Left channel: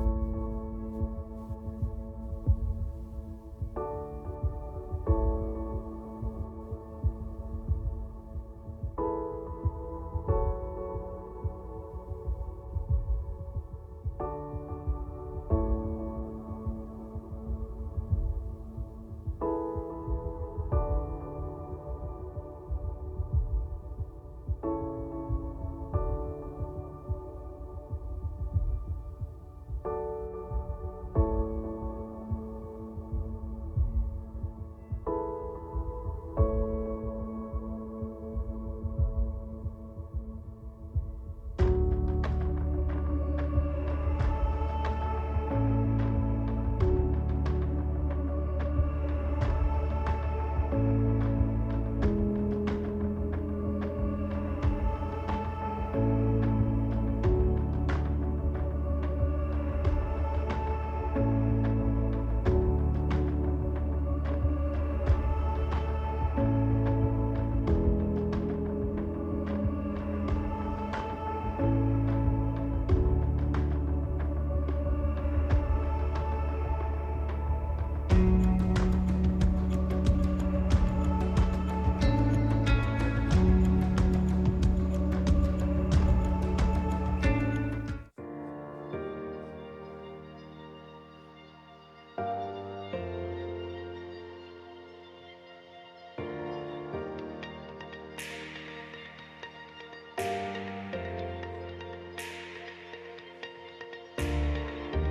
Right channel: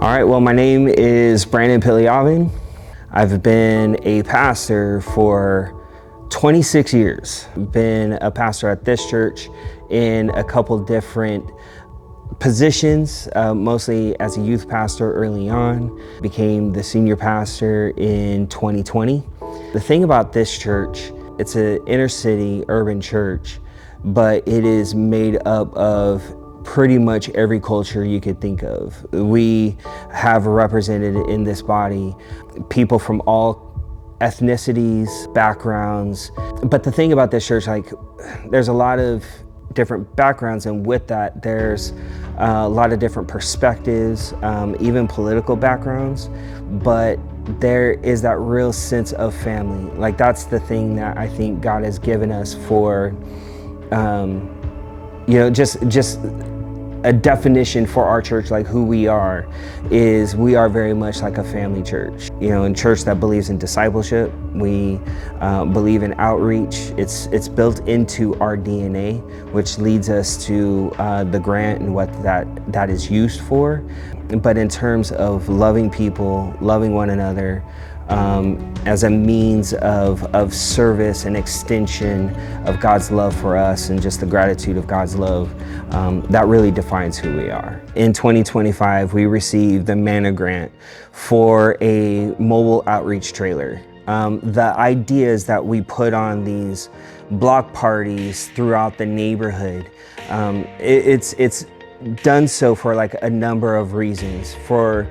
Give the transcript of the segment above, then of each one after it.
All right, well, my name is Piliavin. I've been a pastor for 26 years. Been a pastor at this church in a couple different positions, mostly as a youth pastor early on. Became the senior pastor in 2020. The thing about this church, it's an inner city urban church, but it is made up of pretty much every culture you could think of. We have represented in this body people from all ethnicities, backgrounds. But the thing about this church, there's a lot of different backgrounds, and with that, there's a lot of different perspectives, even political backgrounds, but there is that real sense of family. That's the thing that I think God has given us for, just a definition for our church, who we are, is we are very much like a family church. A church that believes in discipleship. We believe in outreach. It's built into our DNA, which leads us to the grant and what that is used for. But in terms of loving people, loving one another, as a means of service and extension of God's love for us, and just the gratitude of God's love, that really defines who we are. In 2025, we received the Manna Grant for a mobile outreach trailer. The idea is that we put on these block parties throughout the neighborhood. It's done so for a number of reasons. For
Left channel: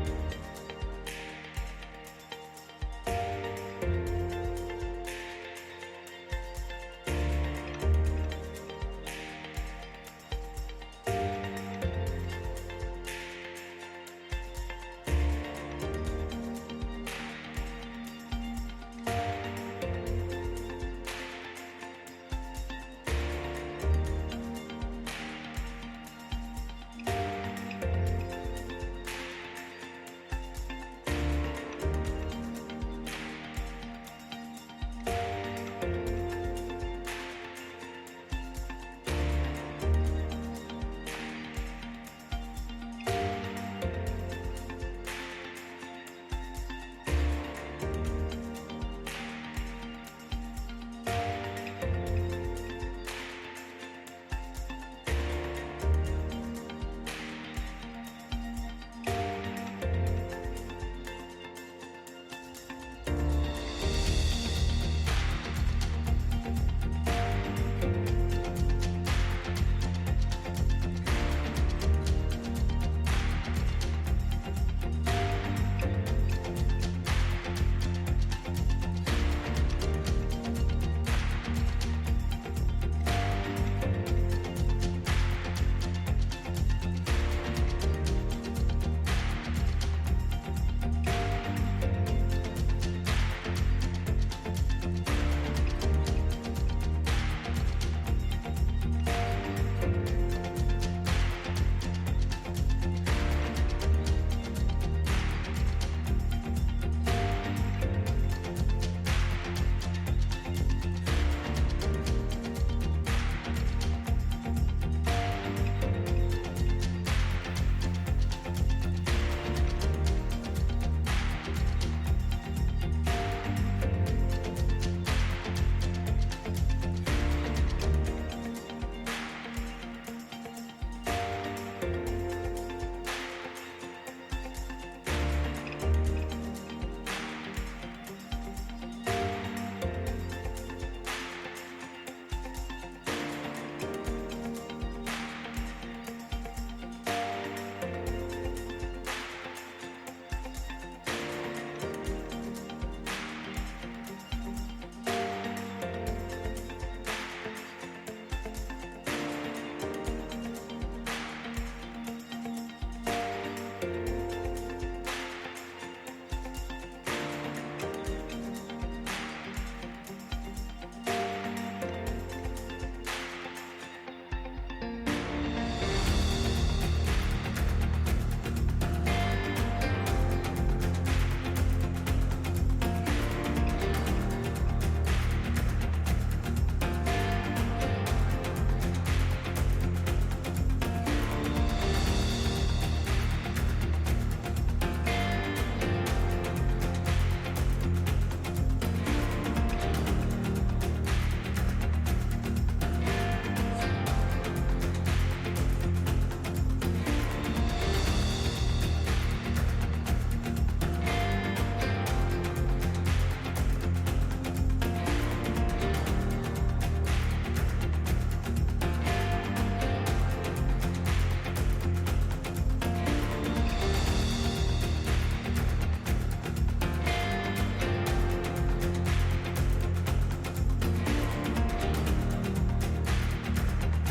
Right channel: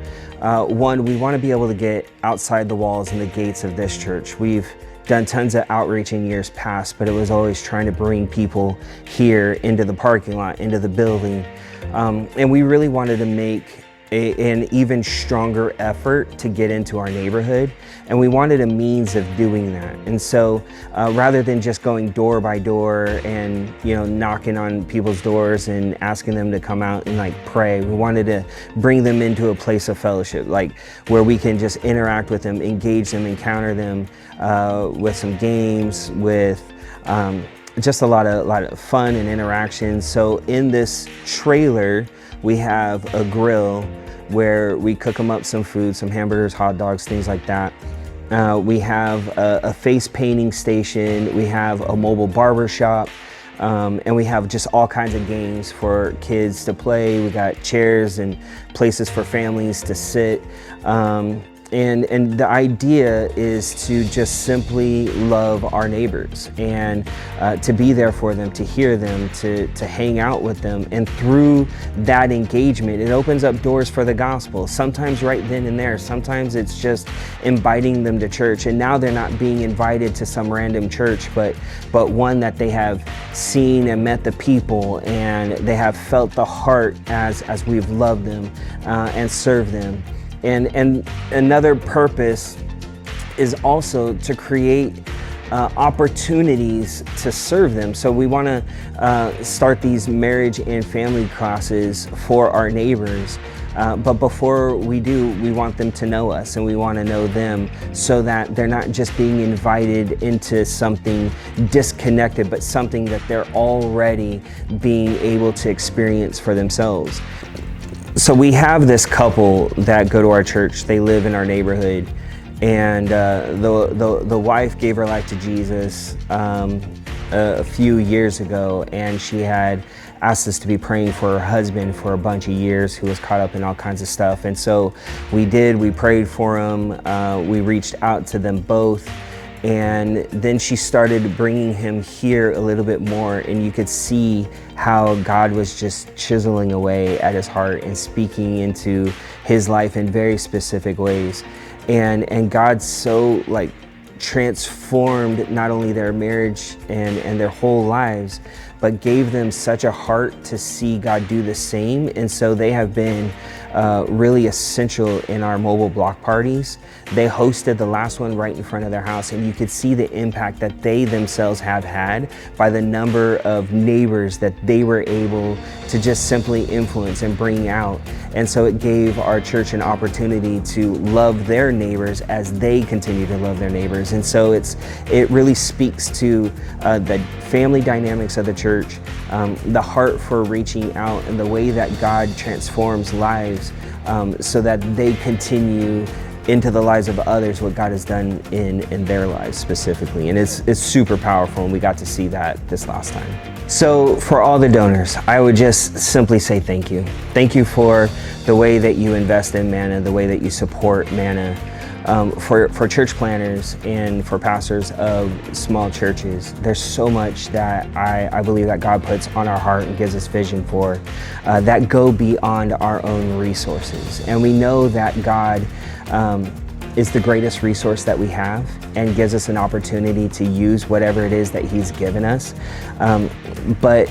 one, we want to be able to get outside the walls and the gates of this church. We've done tons of outreach in years past, but it was always trying to bring people here into the parking lot, into the building. And we really wanted to make an even stronger effort to get into our neighborhood, and we wanted a means of doing that. And so rather than just going door by door and knocking on people's doors and asking them to come out and pray, we wanted to bring them into a place of fellowship, where we can just interact with them, engage them, encounter them with some games, with just a lot of fun and interaction. So in this trailer, we have a grill where we cook them up some food, some hamburgers, hot dogs, things like that. We have a face painting station. We have a mobile barber shop. And we have just all kinds of games for kids to play. We got chairs and places for families to sit. And the idea is to just simply love our neighbors and to be there for them, to hear them, to hang out with them. And through that engagement, it opens up doors for the gospel. Sometimes right then and there, sometimes it's just inviting them to church. And now they're not being invited to some random church, but one that they have seen and met the people, and they have felt the heart as we've loved them and served them. And another purpose is also to create opportunities to serve them. So we want to start these marriage and family classes for our neighbors. But before we do, we want them to know us, and we want to know them, so that they're not just being invited into something disconnected, but something that they're already being able to experience for themselves. So we have this couple that go to our church. They live in our neighborhood, and the wife gave her life to Jesus a few years ago, and she had asked us to be praying for her husband for a bunch of years, who was caught up in all kinds of stuff. And so we prayed for him. We reached out to them both. And then she started bringing him here a little bit more, and you could see how God was just chiseling away at his heart and speaking into his life in very specific ways. And God so transformed not only their marriage and their whole lives, but gave them such a heart to see God do the same. And so they have been really essential in our mobile block parties. They hosted the last one right in front of their house, and you could see the impact that they themselves have had by the number of neighbors that they were able to just simply influence and bring out. And so it gave our church an opportunity to love their neighbors as they continue to love their neighbors. And so it really speaks to the family dynamics of the church, the heart for reaching out, and the way that God transforms lives so that they continue into the lives of others what God has done in their lives specifically. And it's super powerful, and we got to see that this last time. So for all the donors, I would just simply say thank you. Thank you for the way that you invest in Manna, the way that you support Manna. For church planners and for pastors of small churches, there's so much that I believe that God puts on our heart and gives us vision for that go beyond our own resources. And we know that God is the greatest resource that we have and gives us an opportunity to use whatever it is that He's given us. But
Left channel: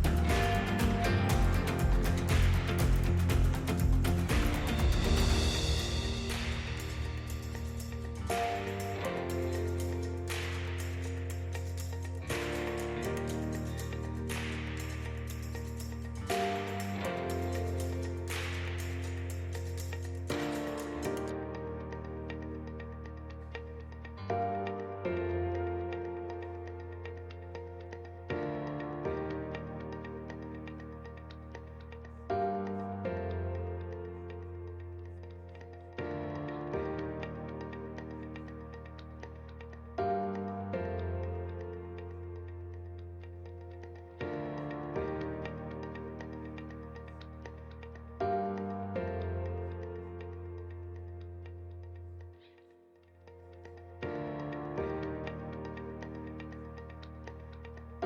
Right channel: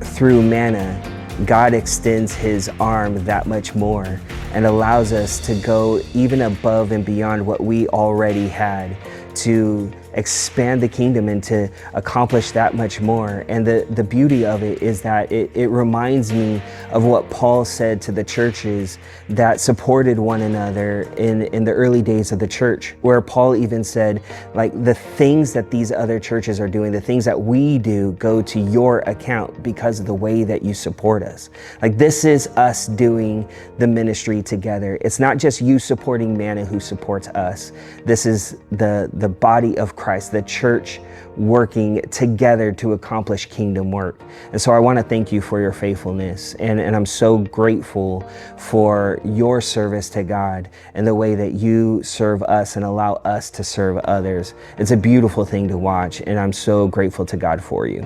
through Manna, God extends His arm that much more and allows us to go even above and beyond what we already had to expand the kingdom and to accomplish that much more. And the beauty of it is that it reminds me of what Paul said to the churches that supported one another in the early days of the church, where Paul even said, like, the things that these other churches are doing, the things that we do go to your account because of the way that you support us. Like, this is us doing the ministry together. It's not just you supporting Manna who supports us. This is the body of Christ, the church working together to accomplish kingdom work. And so I want to thank you for your faithfulness. And I'm so grateful for your service to God and the way that you serve us and allow us to serve others. It's a beautiful thing to watch, and I'm so grateful to God for you.